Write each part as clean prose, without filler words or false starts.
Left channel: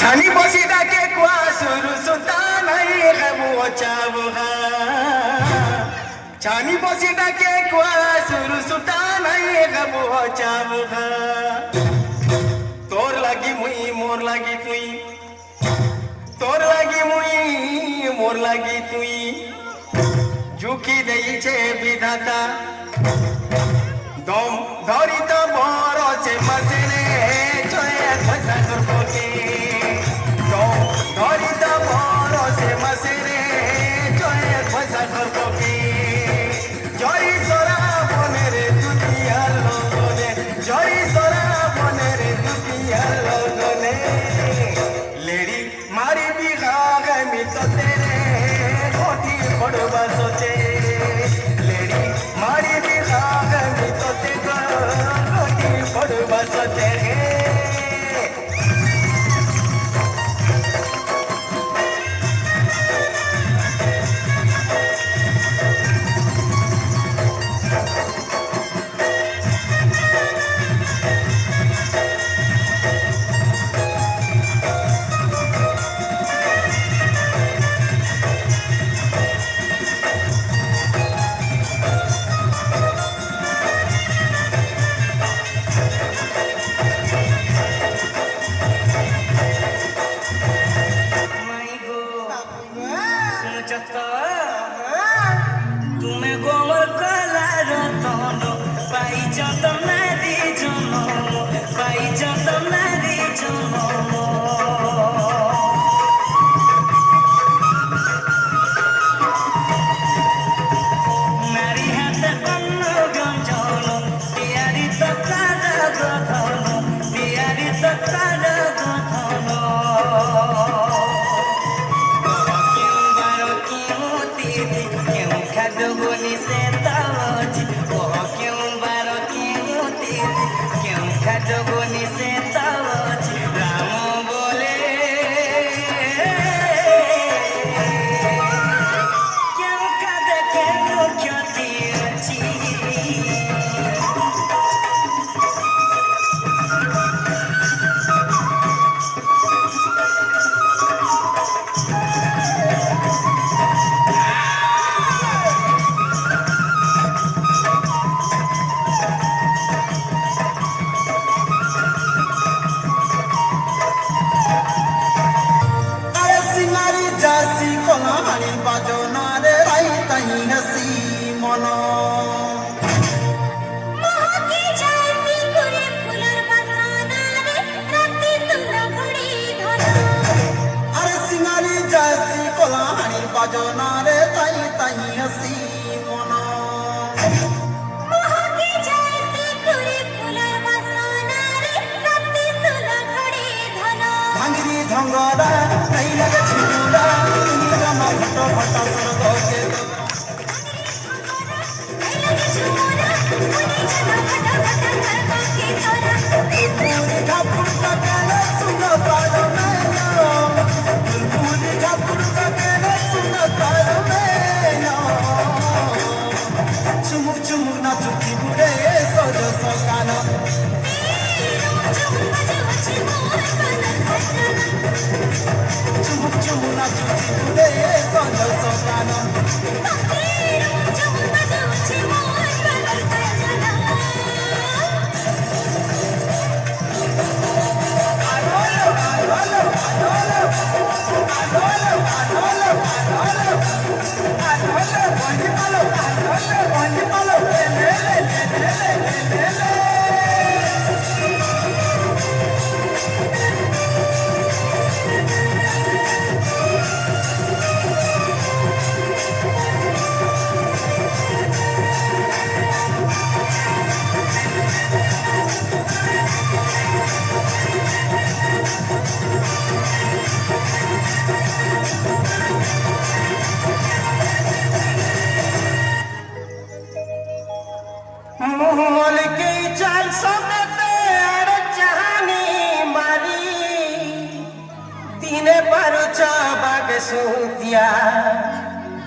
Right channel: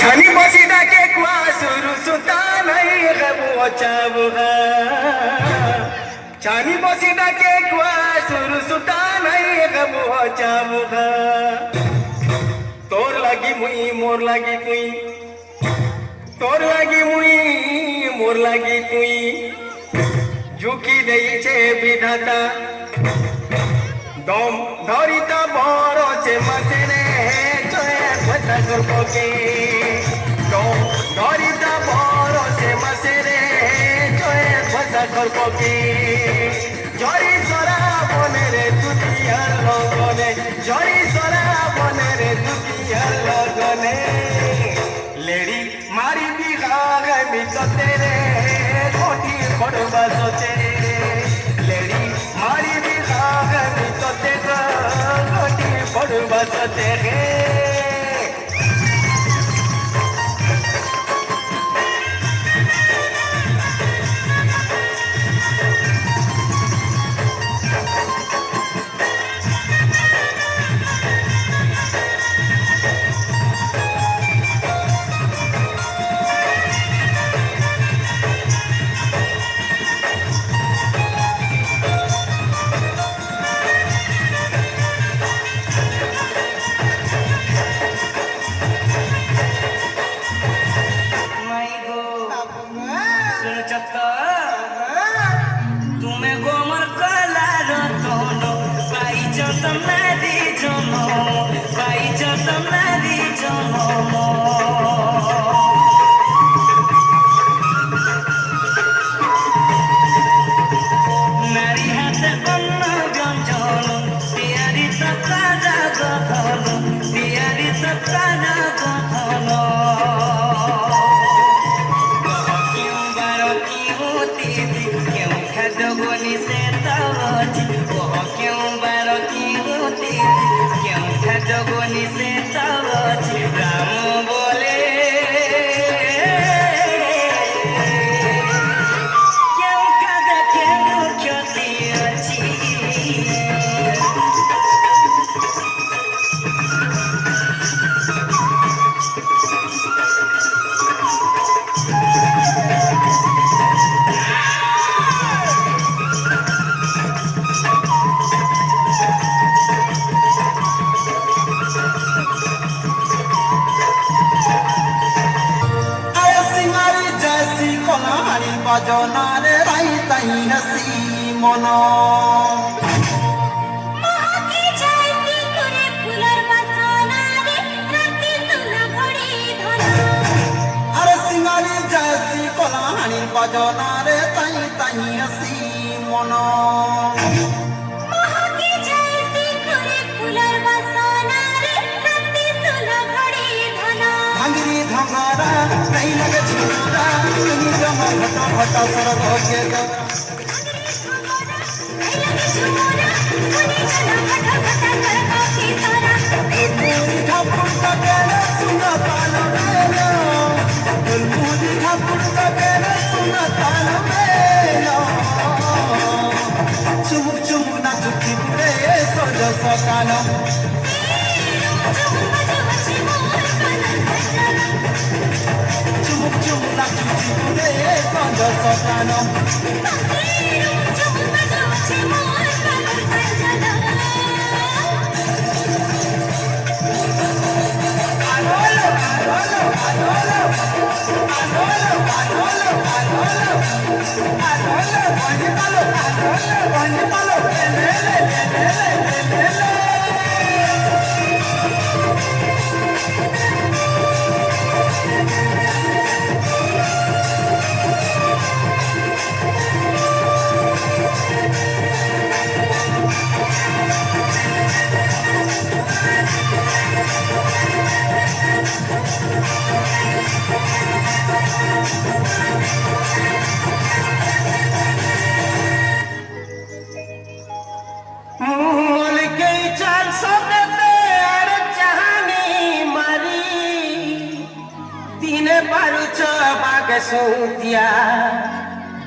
छानी बसी डाके कुआ सुरु सुता नहीं गबो चाबुगा छानी बसी डाके कुआ सुरु सुता नहीं गबो चाबुगा तोर लगी मुई मोर लगी तुई तोर लगी मुई मोर लगी तुई झुकी दई छे विधाता दम धरिता भरोसे मसेने जोए घसा करके दम धरिता भरोसे मसेने जोए घसा करके जय सरा बने रे दुनियार लगने जय सरा बने रे दुनियार लगने लेडी मारी दिखा गमी तो तेरे कोठी पड़वा सोचे लेडी मारी दिखा गमी तो तेरे कोठी पड़वा सोचे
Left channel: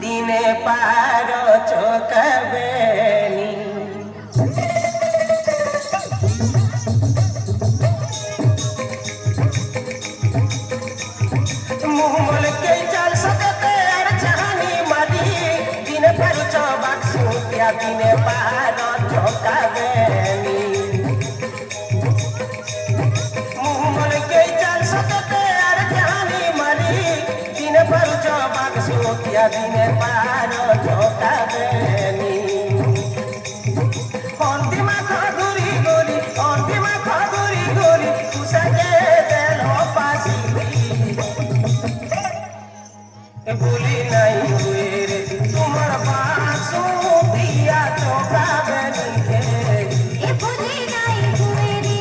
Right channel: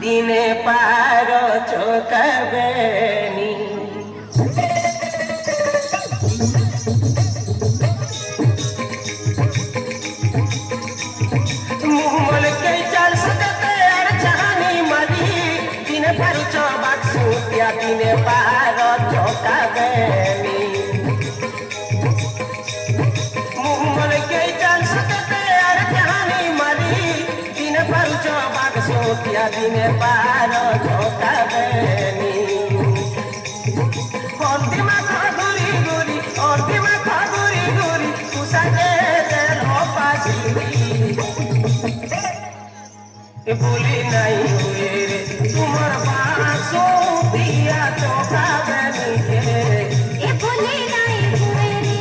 दिने पारो चोकबेनी ভুলি নাই হুয়ে রে তোমার বাসো দিয়া চোখাবে নিখে এ ভুলি নাই হুয়ে রে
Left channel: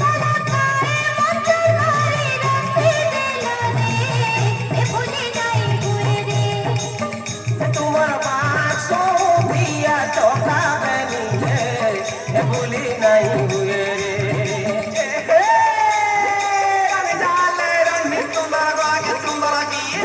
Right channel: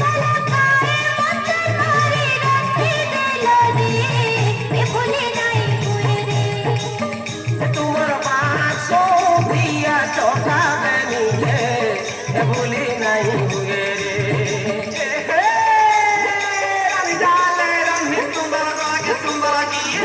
কালাকায় মতে মারি রসে দিল রে এ ভুলি নাই হুয়ে রে তোমার বাসো দিয়া চোখাবে নিখে ভুলি নাই হুয়ে রে আমি জালে রঙে সুন্দর বাগে সুন্দর গিয়ে